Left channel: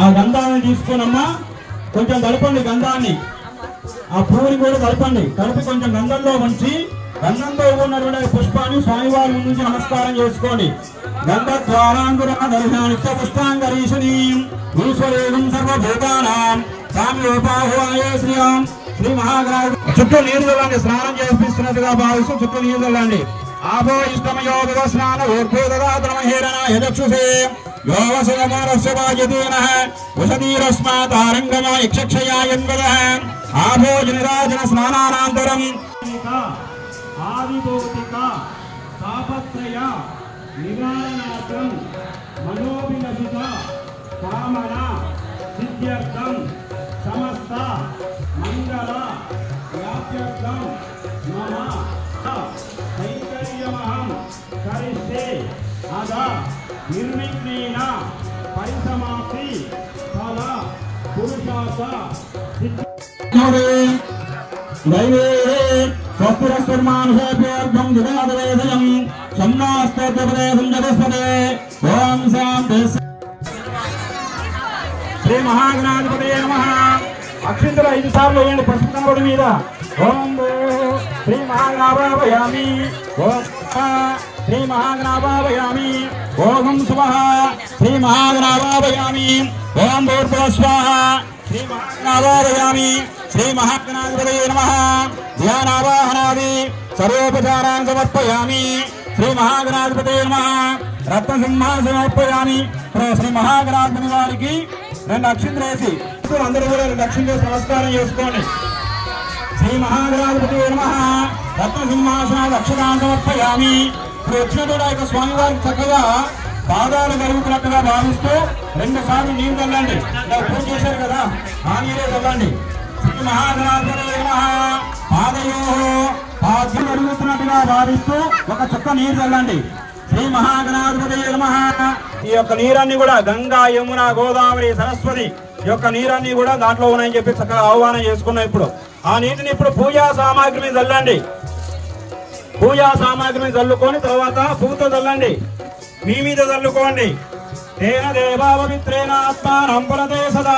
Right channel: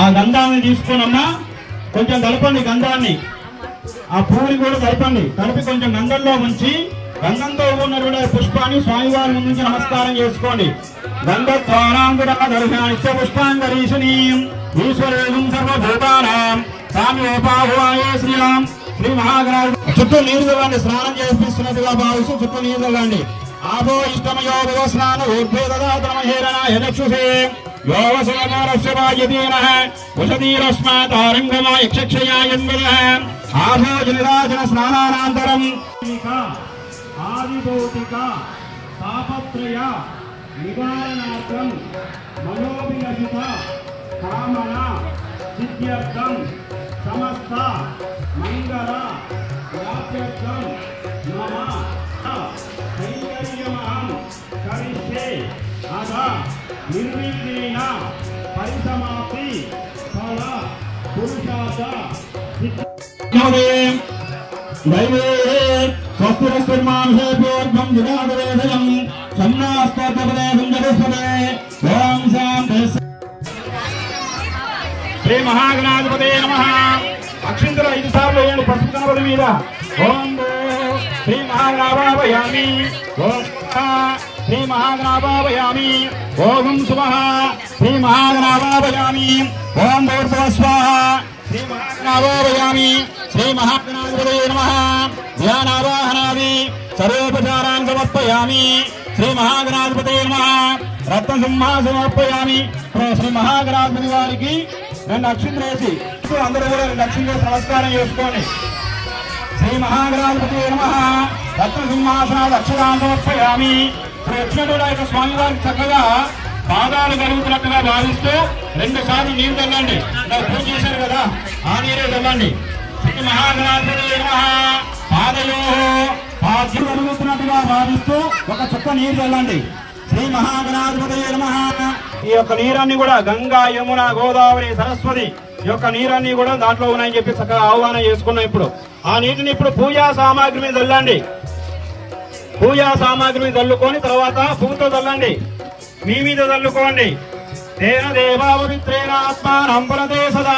ఆ గంధాన్ని తీసుకునమ్మా కొంచెం కలపండి, గంధాన్ని ఆ పువ్వుని కూడా కలపండి. కలిపి కొంచెం గంధంలో ఉంచి గంధంతో ఉన్నటువంటి పుష్పాన్ని స్వామివారి నుంచి నమస్కారం చేసుకోండి. గంధద్వారాంగురాధర్షానిత్య పుష్పాంగరీషణీం ఈశ్వరేం సర్వభూతానాం సామ్యోపాహువాయ శ్రీరాం శ్రీ మహాగణాధి. చుట్టూ నీరు చల్లండి, స్నానం చేపిస్తున్నట్టుగా భావిస్తూ చుట్టూ నీరు చల్లండి. ఆభో ఇష్టమయో స్నాన ఊర్ధ్వదరాతనమహేరణాయ చక్షుషే యోగసమమానస్యవాయతీనః వసతీరస్మాతారంగమాయ యక్షక్షయాయన్వదః ఆభో జనరాజన స్నానానంతరం ఆదిభౌతిక తాపత్రయ నివారణార్థం మనోభిలషిత కామన సిద్ధ్యర్థం సమస్త మంగళ వాక్యర్థం మమ కైంకర్యమహం కరిష్యే అద నిర్విఘ్నేన పరిసమాప్తి ఫల పురుషార్థ దైవే స్వస్తిరస్మానుషేభ్యోర్భం దురాదవేదయం సన్నాస్తోత్రపదేశం జగస్పదే ఓం శాంతి. శ్రీ మహాగణాధిపతే నమః. అక్షింతలు 5 సార్లు వేయండి పసుపు కనబడి మీద. ఓం శ్రీ మహాగణాభావయామి. ఓం శ్రీ మహాగణాభావయామి. ఓం శుభః శ్రీ మహాగణాభావయామి. ఓం స్వాహ శ్రీ మహాగణాభావయామి. శ్రీ మహాగణాధిపతే నమః. ధ్యానావాహనాది సర్వోపచారాన్ సమర్పయామి. శ్రీ మహాగణాధిపతే నమః. రత్నసింహాసనం సమర్పయామి. శ్రీ మహాగణాధిపతి వారికి 2 అక్షింతలు వేసి అందరూ కూడా 2 అక్షింతలు వేసి నమస్కారం చేసుకోండి. శ్రీ మహాగణాధిపతే నమః. రత్నసింహాసనాది అక్షరాన్ని సమర్పయామి. ఇప్పుడు వచ్చినటువంటి యొక్క స్వామివారికి చక్కగా పాదాలు కలుగుతున్నట్టుగా భావిస్తూ 2 సార్లు నీరు చల్లండి. పూజ చేశారు కదా, ఆ నీరే చల్లండి. శ్రీ మహాగణాధిపతే నమః. పాదయో పాద్యం జరుగుతున్నట్టుగా భావిస్తూ 1 చుక్క నీరు చల్లండి. శ్రీ మహాగణాధిపతే నమః. ఈ యొక్క నీరాన్ని కూడా గంగా, యమున, గోదావరి, సరస్వతి ఈ యొక్క నీరాన్ని కూడా దాంట్లో ఉన్నాయని చెప్పి చక్కగా ఆహ్వానం చేసుకున్నాం. ఇప్పుడు ఆ నీటిని ఇప్పుడు పూజా సామాగ్రి మీద చల్లండి. పూజా సామాగ్రిని చల్లుకొని తర్వాత పూతో చల్లండి, మీ మీద చల్లుకోండి. దేవ దేవాపవిత్రేణ ఆత్మానం పరదే సదా.